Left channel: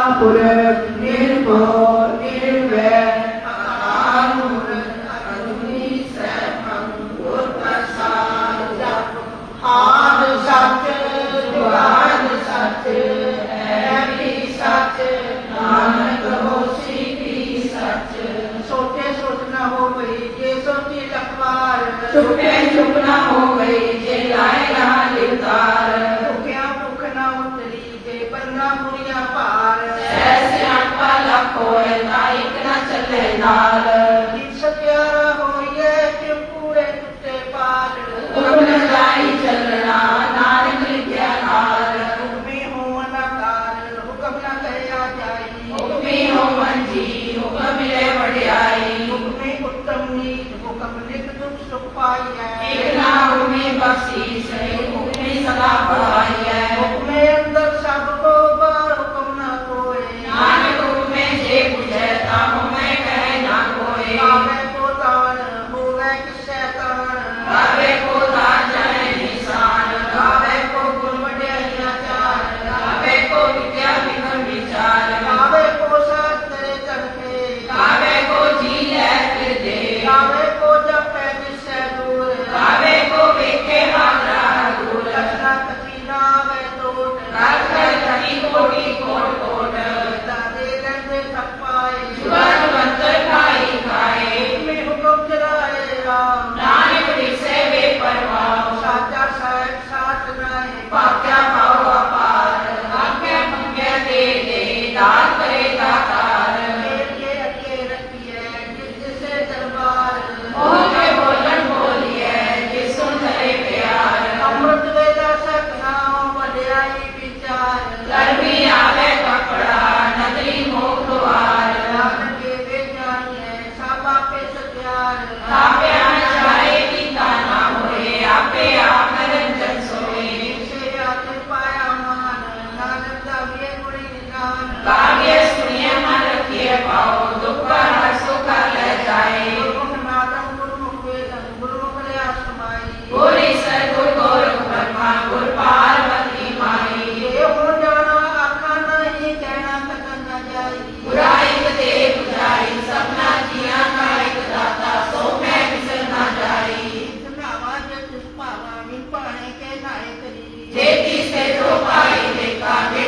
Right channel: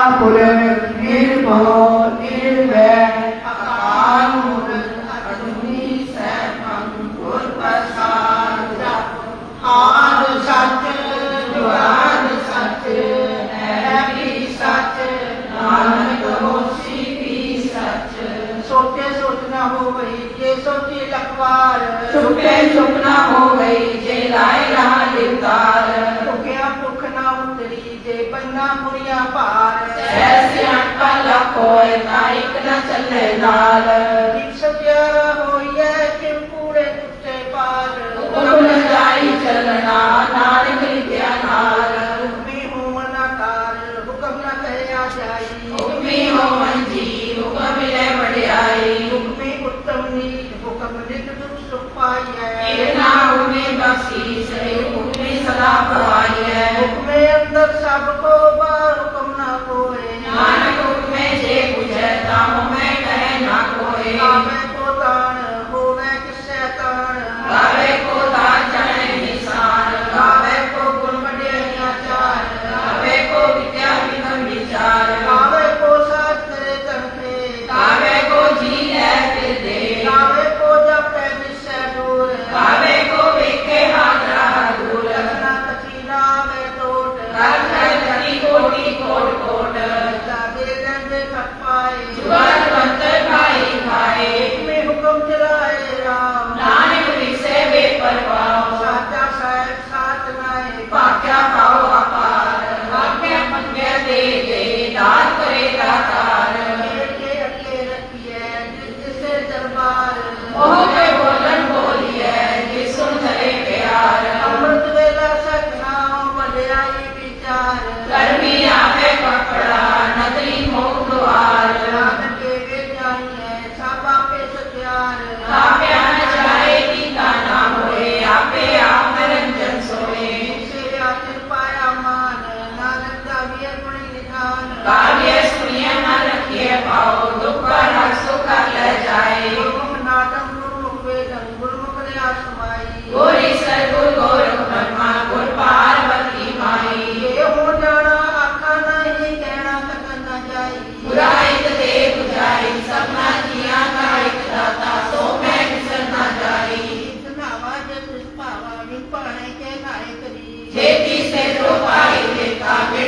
I kulir, kulir, kulir, kulir, kulir, kulir, 好、啊 Amén. Um.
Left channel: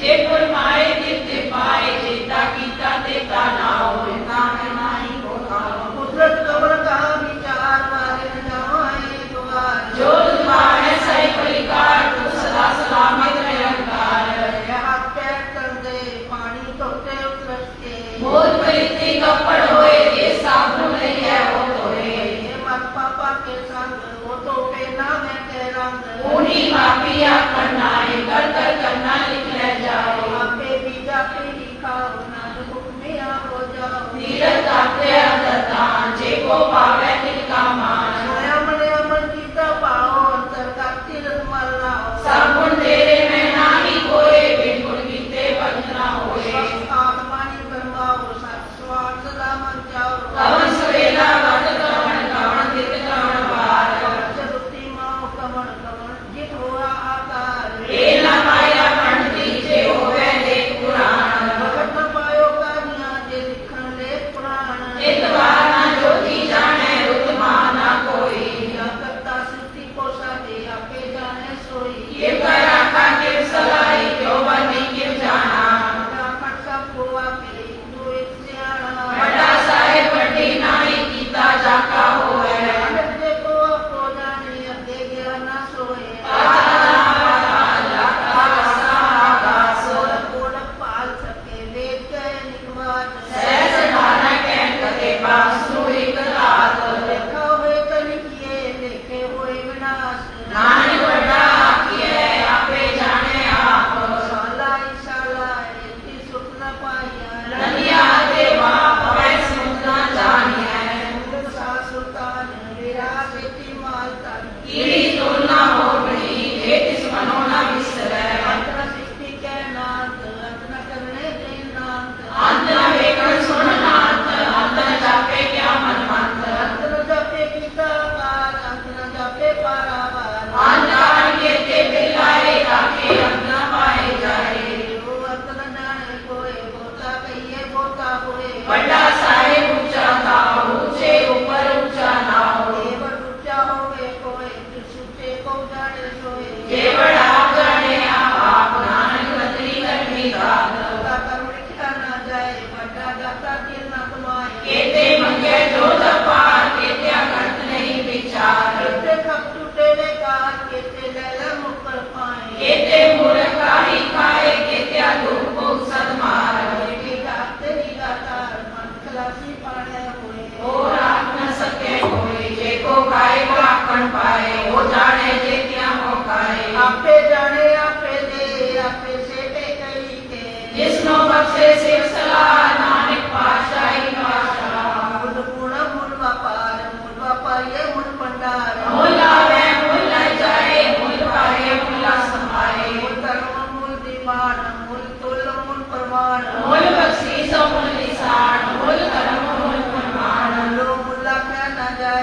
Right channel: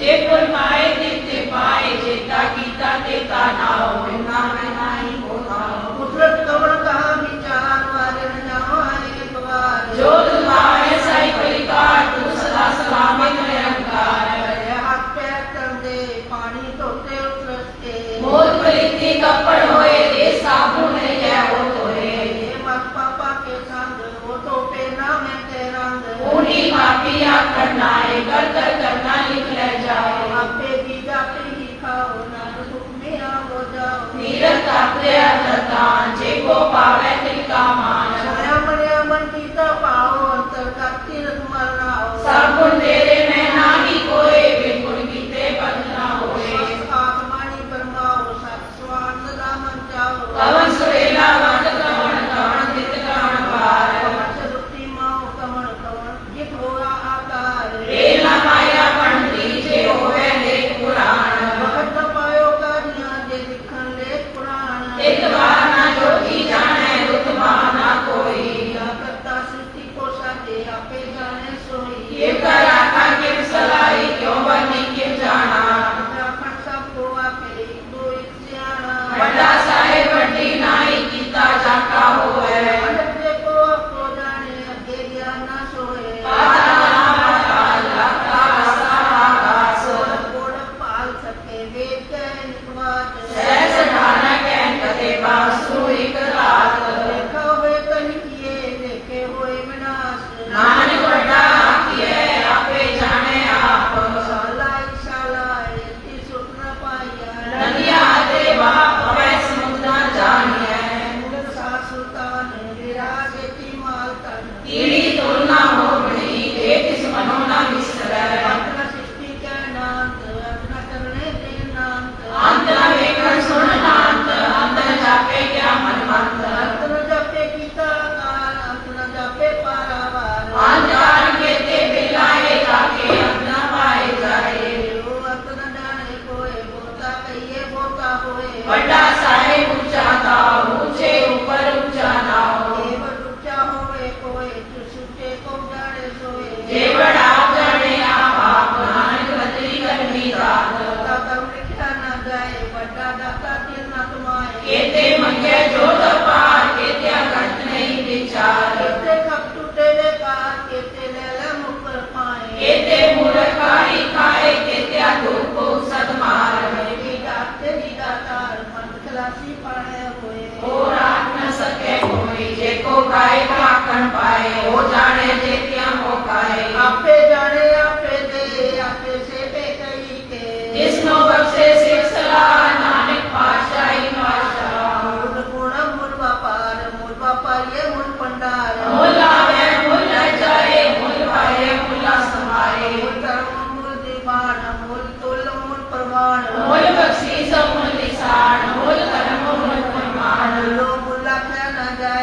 जे फरमाए जे पाए जे ताकी ताके का ना होवे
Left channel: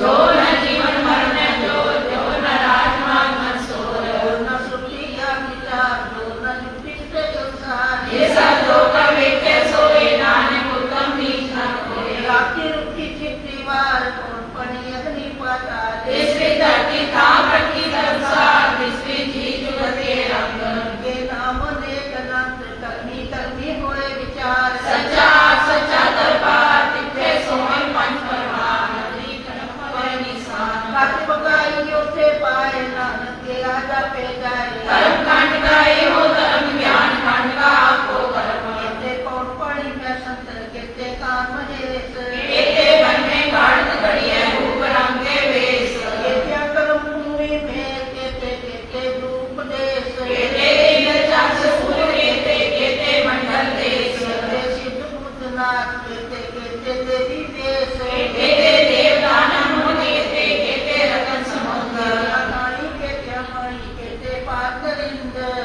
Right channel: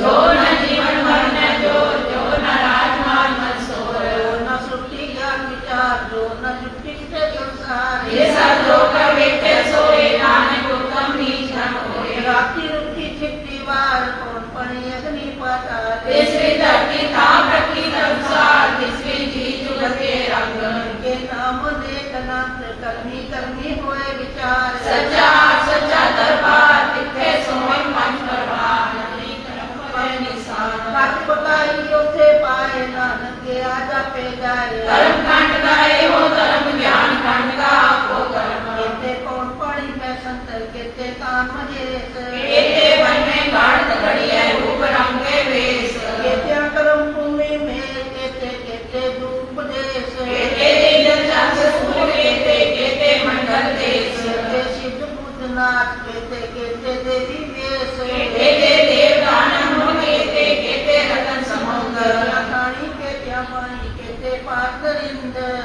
Yo i pega, pega, ele.